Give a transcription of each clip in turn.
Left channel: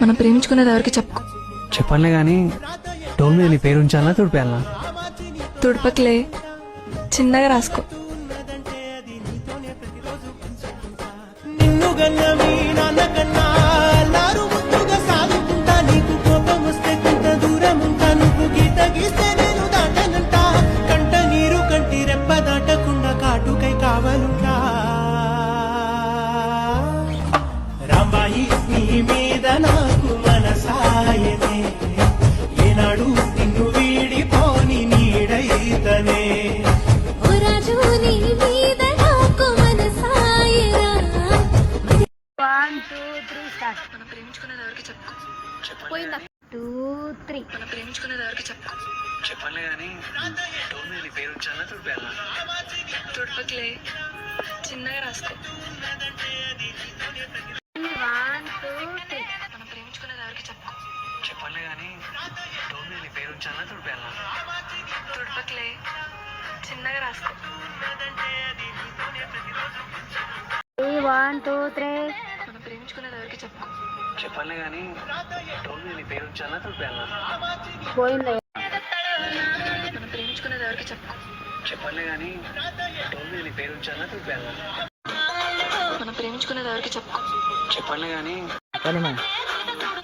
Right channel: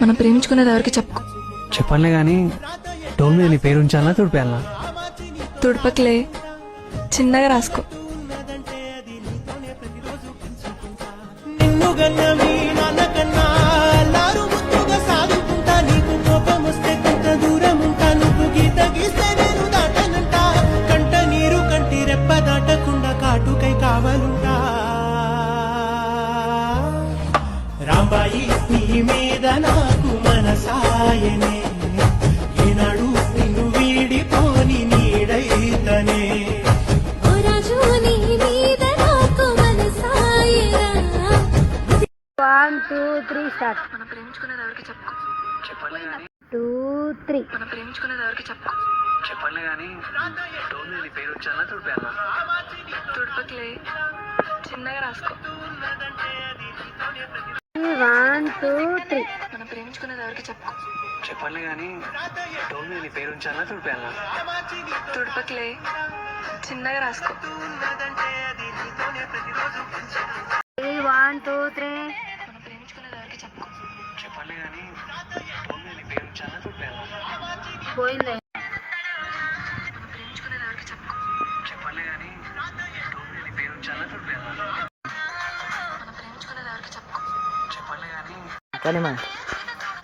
మనం ప్రేమించుకునేది ఎవరికి చెప్పుకో. చెప్పనులే గాని డోర్ మీద నీ పేరు ఉంచాలా తుడిపేయాలా? తుడపకిలే, చిన్నగా రాసుకో. నిన్ను గన్న మీ నాన్న కన్నా లారు ముద్దుగా సాదుకుంటా. నీకు కోపం వస్తే కొంత దూరం ఉంటా. నువ్వు గీత గీస్తే నేను దాటనంట. కంట నీరు కంటి రెప్ప దాటకుండా కాటుకై కావలుంటా. రాంబాయి నీ మీద నాకు మనసాయనే, ఏనాడు నిన్ను వీడిపోని నీడైతనే. మనం ప్రేమించుకునేది ఎవరికి చెప్పుకో. 2, 3 మనం ప్రేమించుకునేది ఎవరికి చెప్పుకో. చెప్పనులే గాని డోర్ మీద నీ పేరు ఉంచాలా తుడిపేయాలా? తుడపకిలే, చిన్నగా రాసుకో. 1, 2, 3 మనం ప్రేమించుకునేది ఎవరికి చెప్పుకో. చెప్పనులే గాని డోర్ మీద నీ పేరు ఉంచాలా తుడిపేయాలా? తుడపకిలే, చిన్నగా రాసుకో. 1, 2, 3 మనం ప్రేమించుకునేది ఎవరికి చెప్పుకో. చెప్పనులే గాని డోర్ మీద నీ పేరు ఉంచాలా తుడిపేయాలా? పోయింది. మనం ప్రేమించుకునేది ఎవరికి చెప్పుకో. చెప్పనులే గాని డోర్ మీద నీ పేరు ఉంచాలా తుడిపేయాలా? మనం ప్రేమించుకునేది ఎవరికి చెప్పుకో. చెప్పనులే గాని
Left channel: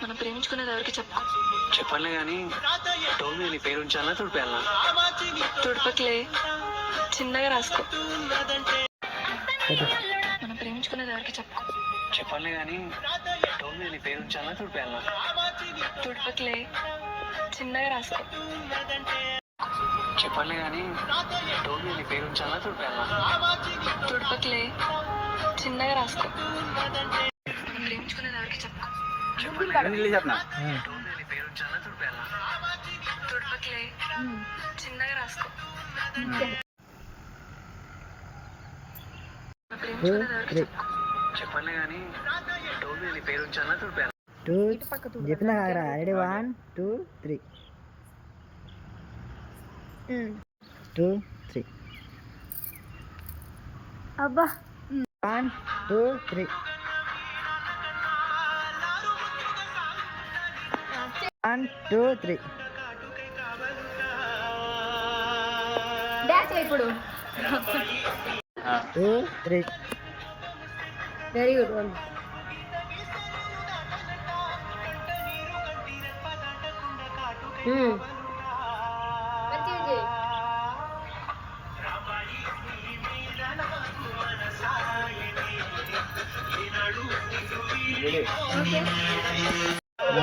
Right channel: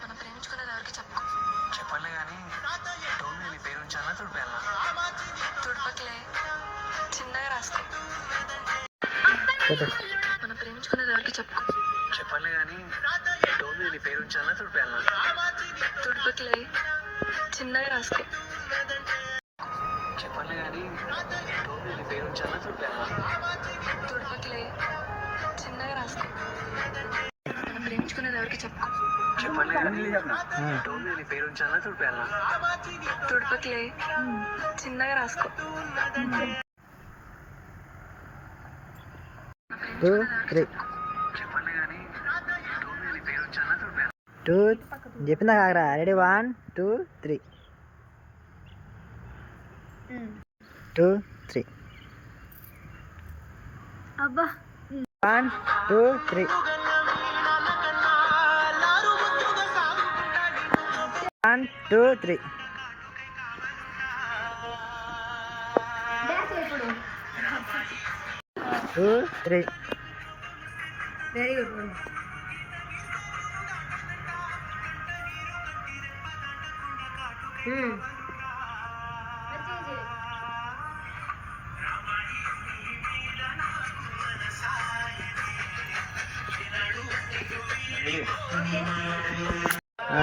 మనం ప్రేమించుకునేది ఎవరికి చెప్పుకో. చెప్పనులే గాని డోర్ మీద నీ పేరు ఉంచాలా తుడిపేయాలా? తుడపకిలే, చిన్నగా రాసుకో. మనం ప్రేమించుకునేది ఎవరికి చెప్పుకో. చెప్పనులే గాని డోర్ మీద నీ పేరు ఉంచాలా తుడిపేయాలా? తుడపకిలే, చిన్నగా రాసుకో. చెప్పనులే గాని డోర్ మీద నీ పేరు ఉంచాలా తుడిపేయాలా? తుడపకిలే, చిన్నగా రాసుకో. మనం ప్రేమించుకునేది ఎవరికి చెప్పుకో. చెప్పనులే గాని డోర్ మీద నీ పేరు ఉంచాలా తుడిపేయాలా? తుడపకిలే, చిన్నగా రాసుకో. 2, 3 చెప్పనులే గాని డోర్ మీద నీ పేరు ఉంచాలా తుడిపేయాలా? 2 చెప్పిందా కాకరా? రెడీ 1, 2, 3 2, 3 అబ్బా 1, 2, 3 1, 2, 3 డాన్స్ ఇప్పుడు 2, 3 వెరీ గుడ్ వన్.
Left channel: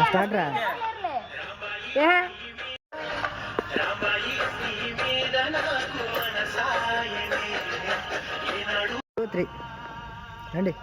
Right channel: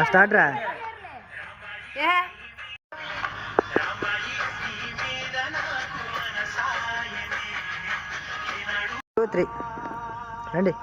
స్టార్ట్ రా. ఏ 2, 3 రండి.